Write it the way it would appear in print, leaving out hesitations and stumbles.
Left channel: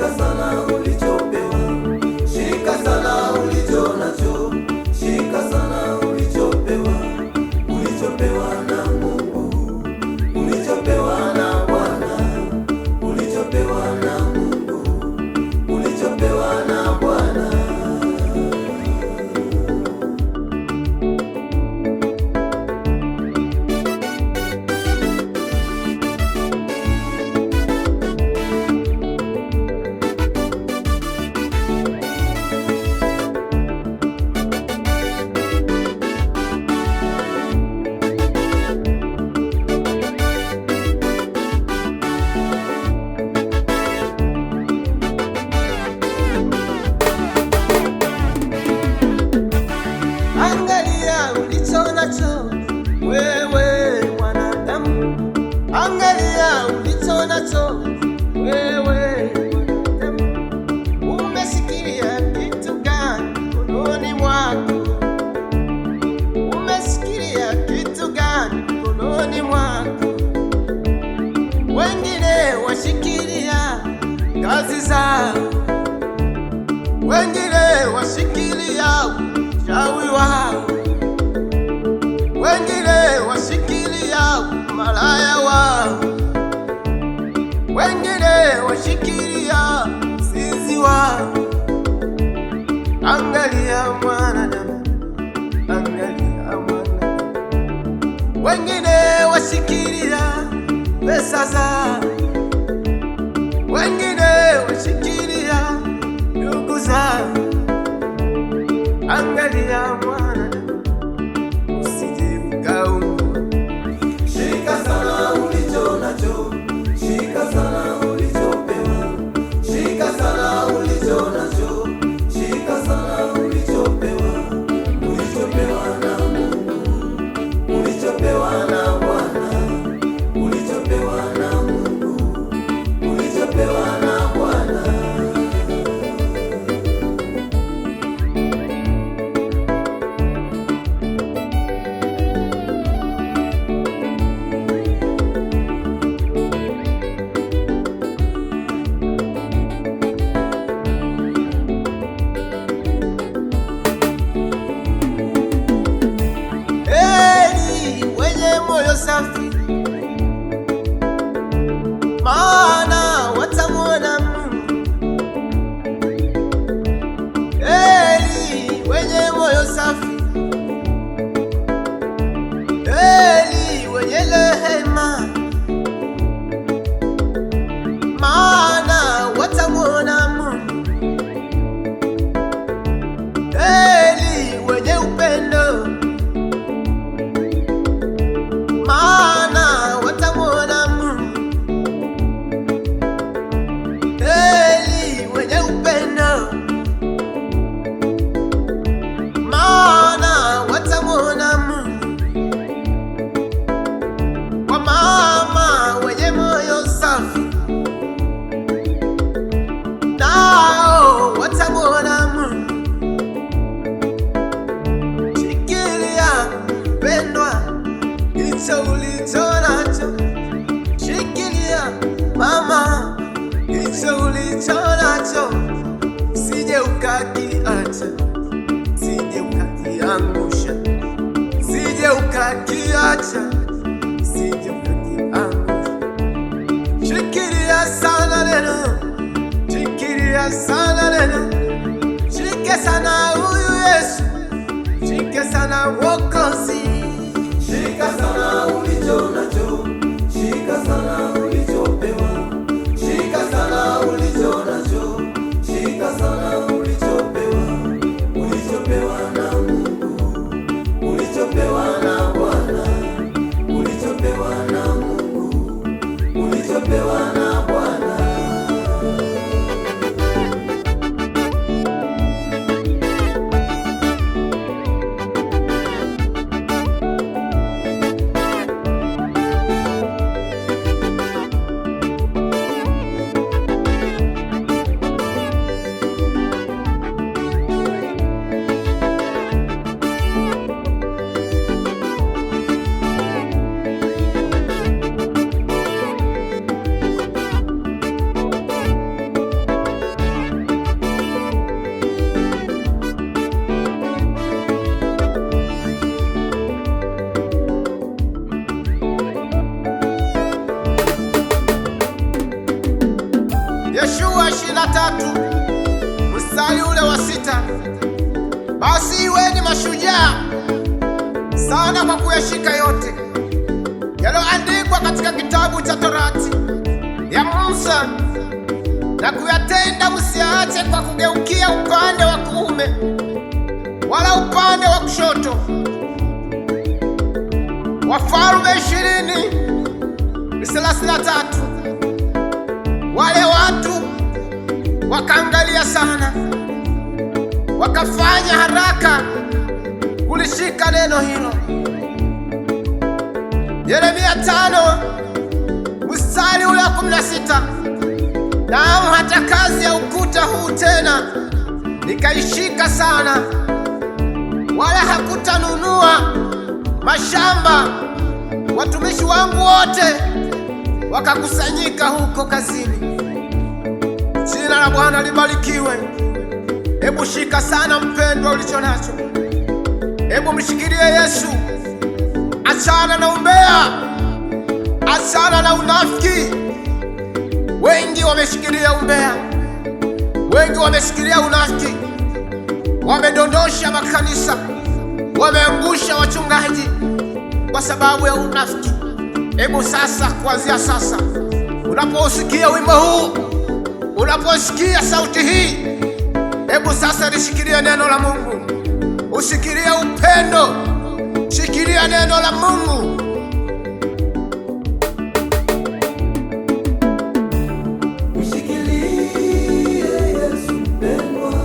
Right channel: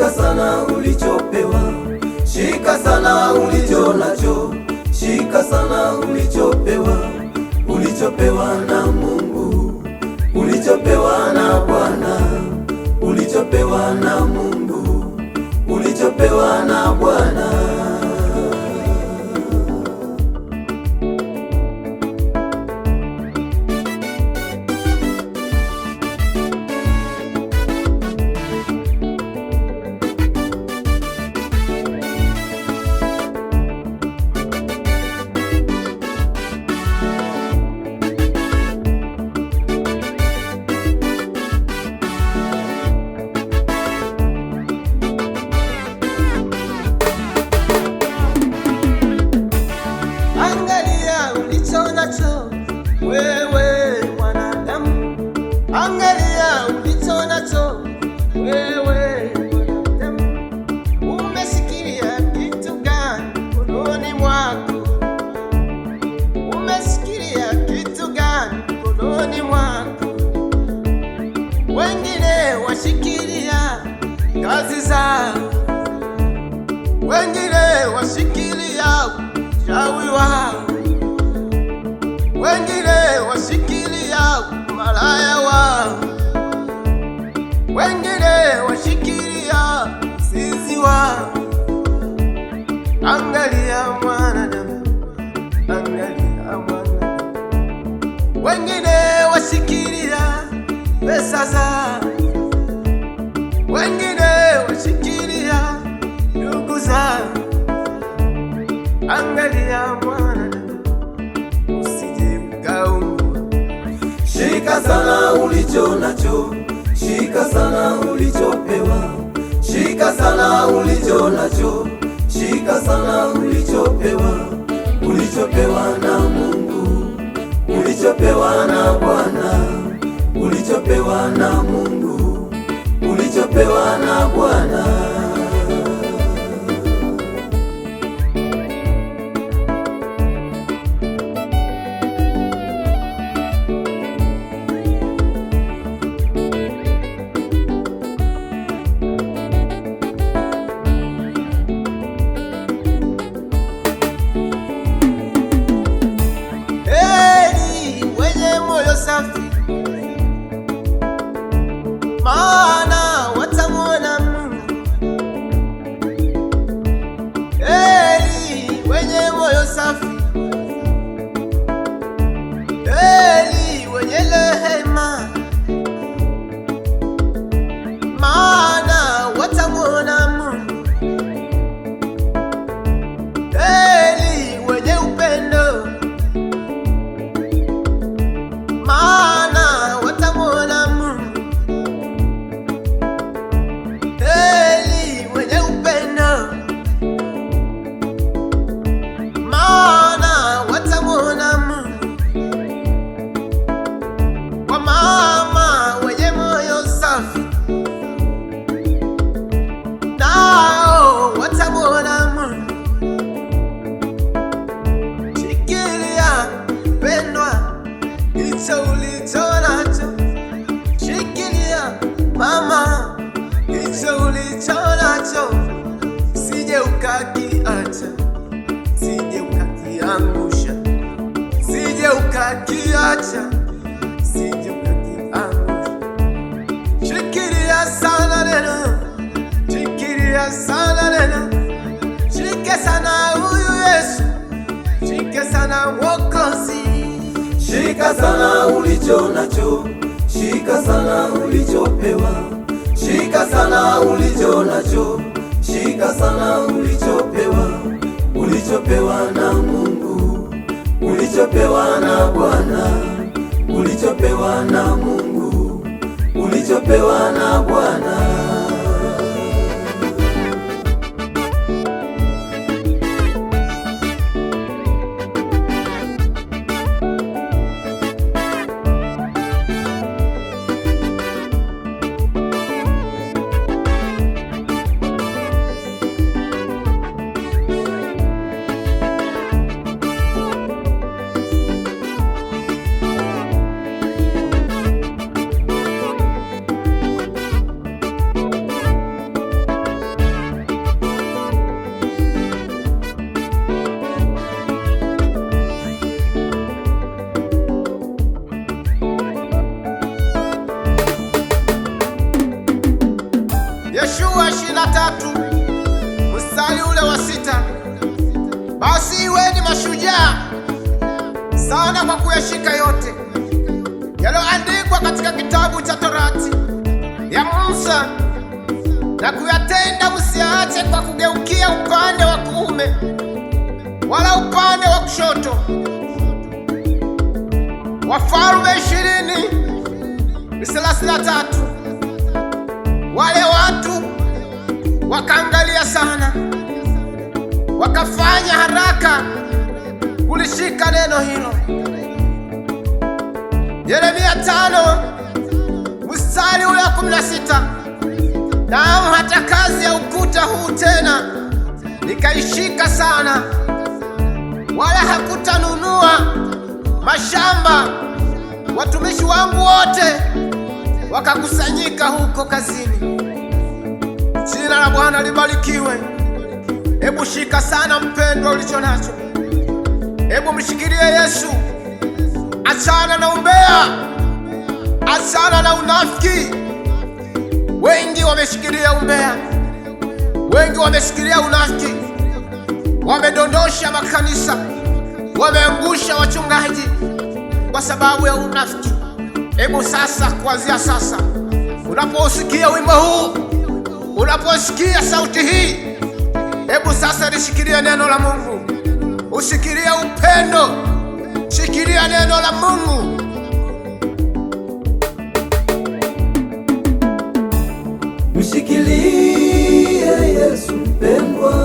shika sana ulichopewa, shika sana ulicho nacho, shika sana ulichopewa, ulichopewa na Mungu, ulichopewa na Bwana, ulichopewa na Mungu, ulichopewa na Bwana. Angalia ulicho nacho wewe mwanadamu, angalia ulicho nacho wewe mwanadamu. Umesikia kitu gani mkononi mwako? Umesikia kitu gani mkononi mwako? Wengine washikilia kazi zao, wengine washikilia uchawi wao, wengine washikilia malaya wao, wengine washikilia uzinzi wao. Angalia mwanadamu, angalia mwanadamu. Wengine washikilia pesa zao, wengine washikilia ndugu zao. Angalia mwanadamu, usije ukaungua. Shika sana ulicho nacho, shika sana ulichopewa, shika sana ulicho nacho, shika sana ulichopewa, ulichopewa na Mungu, ulichopewa na Bwana, ulichopewa na Mungu, ulichopewa na Bwana. Moyo safi, maana watamwona Mungu. Heri wenye moyo safi, heri wenye rehema, maana watamwona Mungu. Heri wenye upendo, maana watamwona Mungu. Heri wenye upendo, maana watamwona Mungu. Wamama wenye moyo safi, nao watamwona Mungu. Shikilia pendwa hicho ulicho nacho, shikilia mama hicho ulicho nacho, sije ukakiacha, sije ukakiangusha, sije ukakiacha, sije ukakiangusha. Shikilia sana neno, shikilia sana neno, shike sana huyu Yesu, shike sana Mwokozi. Shika sana ulicho nacho, shika sana ulichopewa, shika sana ulicho nacho, shika sana ulichopewa, ulichopewa na Mungu, ulichopewa na Bwana, ulichopewa na Mungu, ulichopewa na Bwana. Yoshua 23 mstari ule wa 6, basi iweni mashujaa sana kwa kuyashika yote yaliyoandikwa katika kitabu cha Torati ya Musa na kuyatenda, msiache kwa kugeukia upande wa kuume wala upande wa kushoto. Wafalme 20:33. Wale watu wakaangalia sana, wakafanya haraka kulishika neno hilo. Yeremia 5 mstari ule wa 16, naam, hata kazi ya ukuta huu tena nikaishika sana, wala hakutanunua mashamba. Watumishi wangu wote wakakusanyika huko kazini. Jina la Bwana libarikiwe. Hebu shika sana mpendwa ulicho nacho. Hebu mshikilie Yesu. Achana na umbea, achana na unafiki. Wengi wameshikilia umbea, wengi wameshikilia unafiki, wamedondosha makanisa, wameangusha wachungaji kwa sababu ya unafiki. Hebu sasa, kuanzia sasa, unaposikia wimbo huu, unaposikia sauti hii, hebu sasa lishikilia neno la Mungu. Ushikilia upendo, shikilia neno la Mungu. Mshikilie Yesu mpendwa,